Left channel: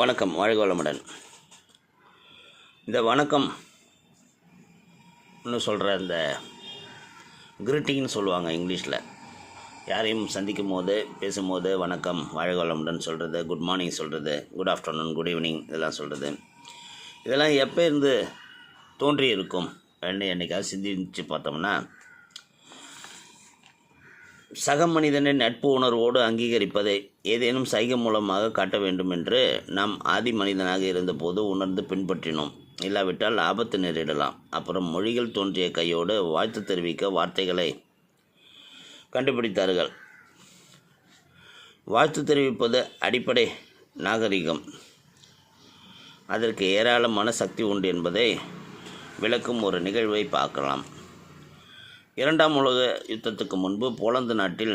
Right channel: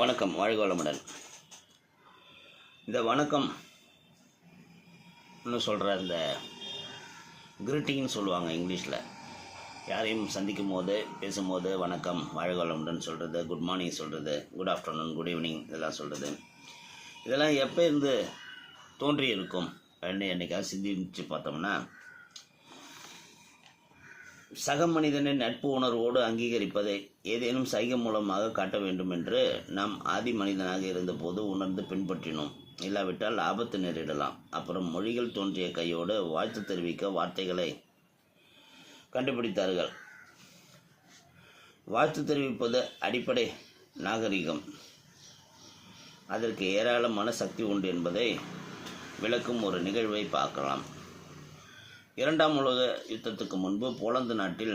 வணக்கம், வாழ்க வளமுடன். இந்த வணக்கம் இன்னும் சொல்கிற இந்த கிரீட்டிங்னு சொல்லுவாங்க இங்கிலீஷில். யாரையும் சந்திக்கும் போது பேசும்போது வணக்கம், வாழ்க வளமுடன் சொல்கிறது, குட் மார்னிங் சொல்கிறது, குட் ஆஃப்டர்நூன், குட் ஈவினிங் இதெல்லாம் சொல்கிறது. இதெல்லாம் எப்போ இருந்து தோன்றி இருக்கும் என்னைக்காவது சிந்திச்சு பார்த்தோம்னா, சக மனிதனின் நட்பு உணர்வோடு அங்கீகரிப்பதை ஏதேனும் சைகை மூலமாக காட்ட வேண்டும் என்று நாம் ஆதி மனிதனாக இருந்தபோது உணர்ந்து பின்பற்றினோம். இல்லாவிட்டால் ஆபத்து நேரிடலாம். அப்புறம் மொழிகள் தோன்றிய கையோடு வாழ்த்து தெரிவிக்க வார்த்தைகளை கண்டுபிடித்தார்கள். வாழ்த்து தெரிவிப்பது அடிப்படை நாகரிகம். அதற்கு ஏராளமான சக்தி உண்டு என்பதை விளக்கும் ஒரு நிகழ்வை பார்க்கலாம். இரண்டாம் உலக யுத்தத்துக்கு முன்பு போலந்து நாட்டில்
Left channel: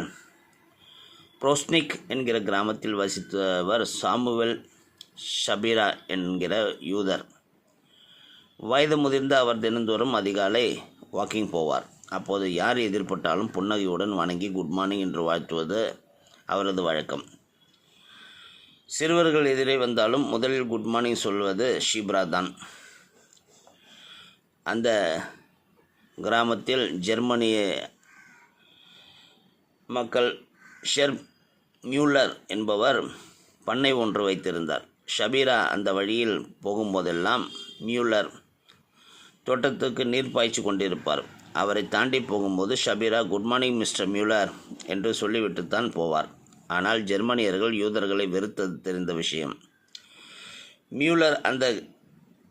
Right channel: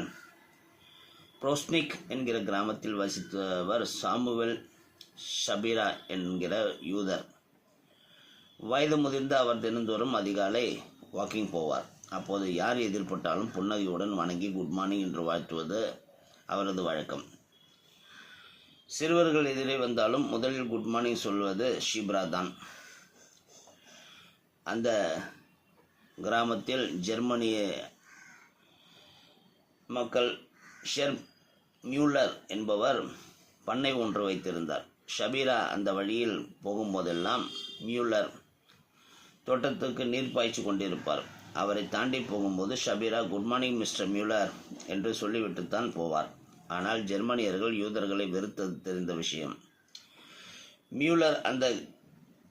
புரோஸ்னிக் என்கிற கிராமத்தில் வசித்தவர் சாமுவேல் ஷபீரா என்கிற யூதர். வயது முதிர்ந்த அவர் தினந்தோறும் அதிகாலை வாக்கிங் போவார். அப்போது யார் எதிர்பட்டாலும் புன்னகையுடன் வணங்கி குட் மார்னிங் என்று வாழ்த்துவது அவரது வழக்கம். சிறுவர்கள் எதிரே வந்தாலும் முதலில் குட் மார்னிங் சொல்வது ஷீப்ரா தான். அந்த கிராமத்தில் ஜெர்மனிய மக்கள் ஷெர்ப் மியூலர் என்பவர் பண்ணை ஒன்று வைத்திருந்தார். ஷபீரா அந்த வழியில் போகும்போதெல்லாம் மியூலர் தோட்டத்துக்கு நீர் பாய்ச்சி கொண்டிருப்பார். அவரை தாண்டி போகும்போது Shabira good morning mister Muller என்று சொல்லிவிட்டுத்தான் போவார். ஆனால் ஜெர்மனியர்கள் யூதர்களை வெறுத்தது தெரிந்த விஷயம். மியூலர் அந்த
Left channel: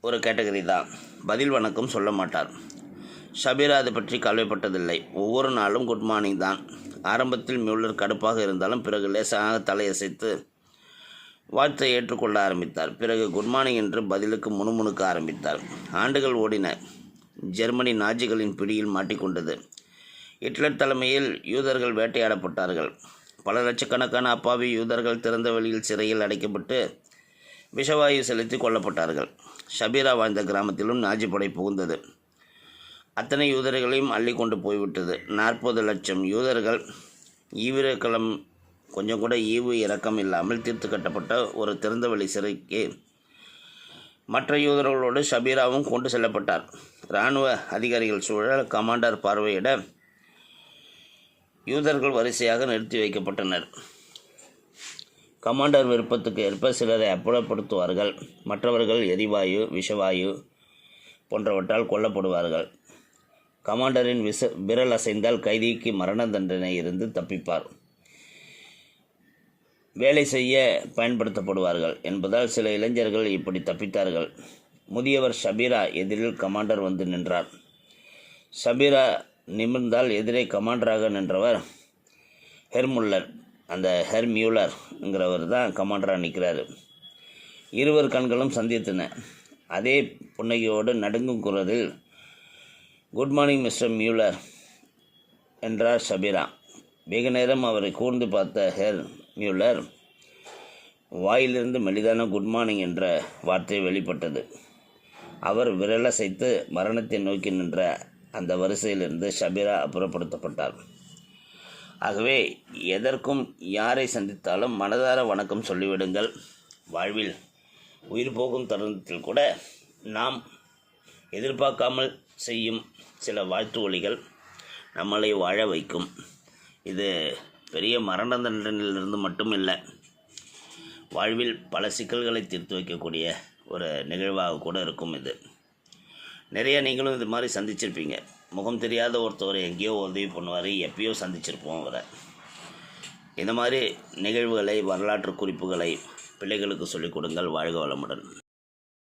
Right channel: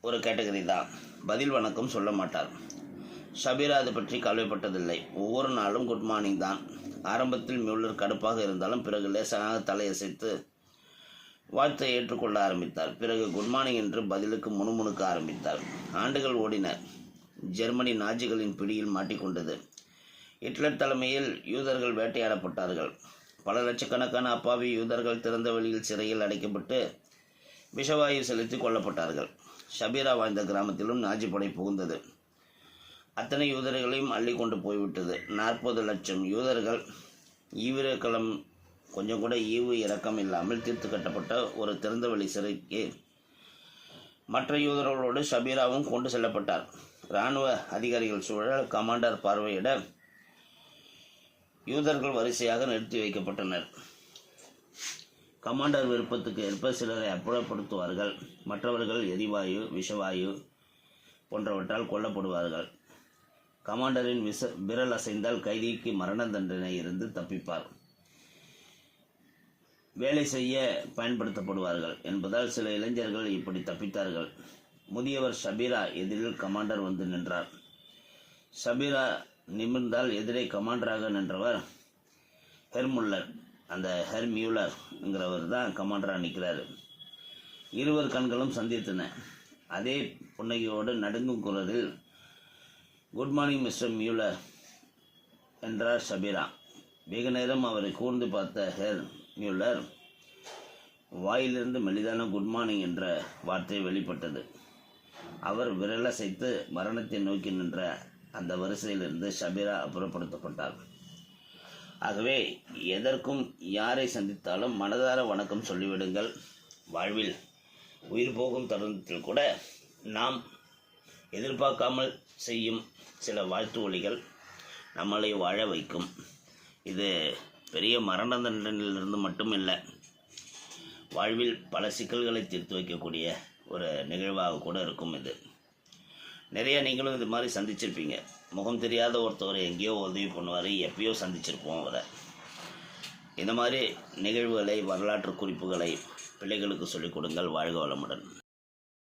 ஒரு கேட்டகரி தான். பதில் வணக்கம் சொல்ல மாட்டார். ஷபீரா அதை பற்றி கவலைப்பட்டதில்லை. ஒவ்வொரு நாளும் குட் மார்னிங் தான். ஆரம்பத்தில் மியூலர் கடுப்பாக இருந்தாலும் பிறகு லேசாக தலையசைத்து வாழ்த்தை ஏற்றுக்கொள்ள ஆரம்பித்தார். பிறகு குட் மார்னிங் என்று பதிலுக்கு முணுமுணுக்க ஆரம்பித்தார். ஆண்டுகள் ஓடின. ஜெர்மனி நாஜிகளின் பிடியில் மாட்டிக்கொண்டது. ஹிட்லர் தலைமையில் யூதர்கள் வேட்டையாடப்பட்டார்கள். பல லட்சக்கணக்கான அப்பாவி யூதர்கள் திறந்த வெளியில் சிறையில் அடைக்கப்பட்டு விஷவாயு செலுத்தி கொல்லப்பட்டார்கள். ஷபீரா வாழ்ந்த கிராமத்திலும் நாஜி படை புகுந்தது. அத்தனை யூதர்களையும் அள்ளி கொண்டு போய்விட்டது. 40 லட்சம் யூதர்கள் ஈவிரக்களம் கொஞ்சம் கூட ஈவு இரக்கம் இல்லாமல் தீர்த்து கட்டப்பட்ட ஒரு திறந்தவெளி சிறைக்கு மற்ற யூதர்களோடு ஷபீராவும் கொண்டு செல்லப்பட்டார். இராணுவ அதிகாரிகள் சூழல் கமாண்டர் பார்வையிட யூதர்கள் வரிசையாக நிறுத்தி வைக்கப்பட்டனர். கமாண்டர் விருப்பத்துக்கு ஏற்ப சிலரை அப்புறப்படுத்துவார்கள். மற்றவர்கள் எரிவாயு, விஷவாயு போன்றவற்றால் கொல்லப்படுவார்கள். கமாண்டரின் விரல் அசைந்தால் கைதிக்கு மரண தண்டனை இருந்து தப்பிப்பார். வேலை செய்ய பயன்படுத்தப்படுவார்கள் என்பதால் சில இளைஞர்கள் இப்படி தப்பித்தார்கள். முதியவர் ஷபீரா எதிரில் கமாண்டர் வந்து நின்றார். ஷபீரா நிமிர்ந்தால் எதிரே கமாண்டராக நின்றவர் ஹெர்முல்லர். அந்த ஹெர்மியூலர்ங்கிறவர் தான் கமாண்டராக நிற்கிறாரு. இருவர் கண்களும் சந்தித்தன. அதே புன்னகையோடு நடுங்கும் குரலில் குட் மார்னிங் மிஸ்டர் மியூலர் என்றார் ஷபீரா. வெகு நேரம் அவரை கூர்ந்து பார்த்த ஹெர் மியூலர் வாயிலிருந்து மெலிதான குட் மார்னிங் என்ற வார்த்தை வெளிப்பட்டது. அவர் விரலசைத்து மரணத்தை நோக்கி நின்ற அந்த வரிசையிலிருந்து ஷபீரா அப்புறப்படுத்தப்பட்டார். ஆகவே எதற்கும் யாரை சந்தித்தாலும் மனதார வணக்கம் சொல்லிவிடுங்கள். வாழ்வில் உயிர் போகும் தருணத்தில் கூட நாம் எதிர்பார்க்காமல் செய்யும் சில வாழ்த்து ஒலிகள் நம்மளை வாழ வைக்கும். இது பெரிய மரண தண்டனையிலிருந்து மட்டும் இல்லை, வாழ்வில் பல சிக்கல்களை தீர்த்து வைக்கக்கூடிய ஒரு நிகழ்வாக கூட இருக்கும். இது நிறைய நீங்களும் இது மாதிரி சந்திச்சிருப்பீங்க. முகம் தெரியாத ஒருத்தவர் எங்கேயோ உதவி பண்ணுவார், எப்பயோ சந்திச்சிருப்போம் அவரை. இந்த மாதிரி நிகழ்வுகளை, வரலாற்று குறிப்புகளை பிள்ளைகளுக்கு சொல்லிக் கொடுங்கள். வாழ்க வளமுடன்.